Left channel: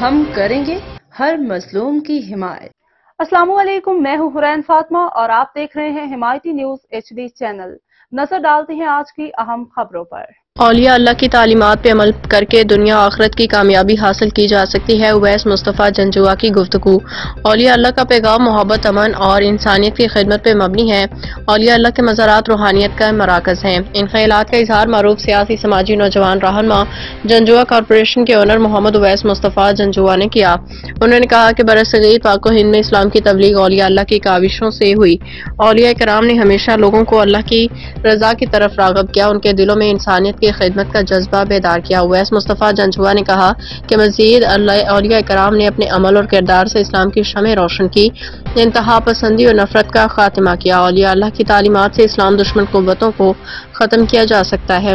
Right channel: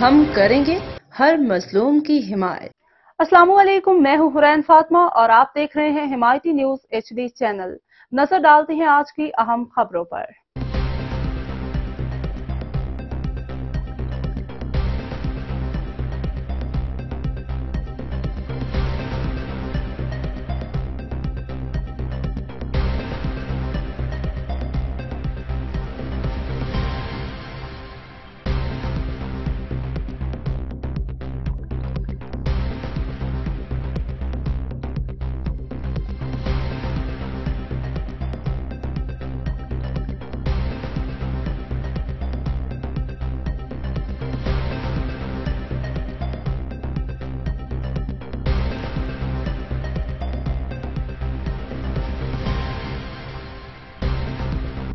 ہم کریں گے ہر مظلوم کی حمایت۔ السلام علیکم، میں ہوں حرین فاطمہ اور آپ دیکھ رہے ہیں حمایتی نیوز HD چینل۔ نظر ڈالتے ہیں آج کی اہم خبروں پر۔ اولیاء اللہ کی تعلیمات پہ عمل کر کے دنیا آخرت کی کامیابی حاصل کی جا سکتی ہے۔ اویس مصطفیٰ جنجوعہ کی گفتگو۔ اولیاء اللہ کا پیغام محبت، امن اور انسانیت کی خدمت پہ مبنی ہے۔ اولیاء اللہ کے مزارات روحانیت کا مراکز ہیں۔ ان خیالات کا اظہار معروف سیاسی، سماجی، نوجوان رہنما جنجوعہ کارپوریشن کے اونر محمد اویس مصطفیٰ جنجوعہ نے کیا۔ انہوں نے کہا کہ برصغیر پاک و ہند میں اسلام کی تبلیغ اولیاء اللہ کی کاوشوں سے ہوئی۔ اولیاء کرام نے ہمیشہ لوگوں کو اللہ کی رضا کی طرف راغب کیا، ان کے دلوں میں انسانیت کی خدمت کا جذبہ بیدار کیا۔ اویس مصطفیٰ جنجوعہ نے کہا کہ مزید اولیاء کرام نے اپنے عمل اور کردار سے اسلام کی شمع روشن کی، انتہا پسندی اور نفرت کا خاتمہ کیا۔ اولیاء اللہ کی تعلیمات سے اسلام دشمن قوتوں کو ختم کیا جا سکتا ہے۔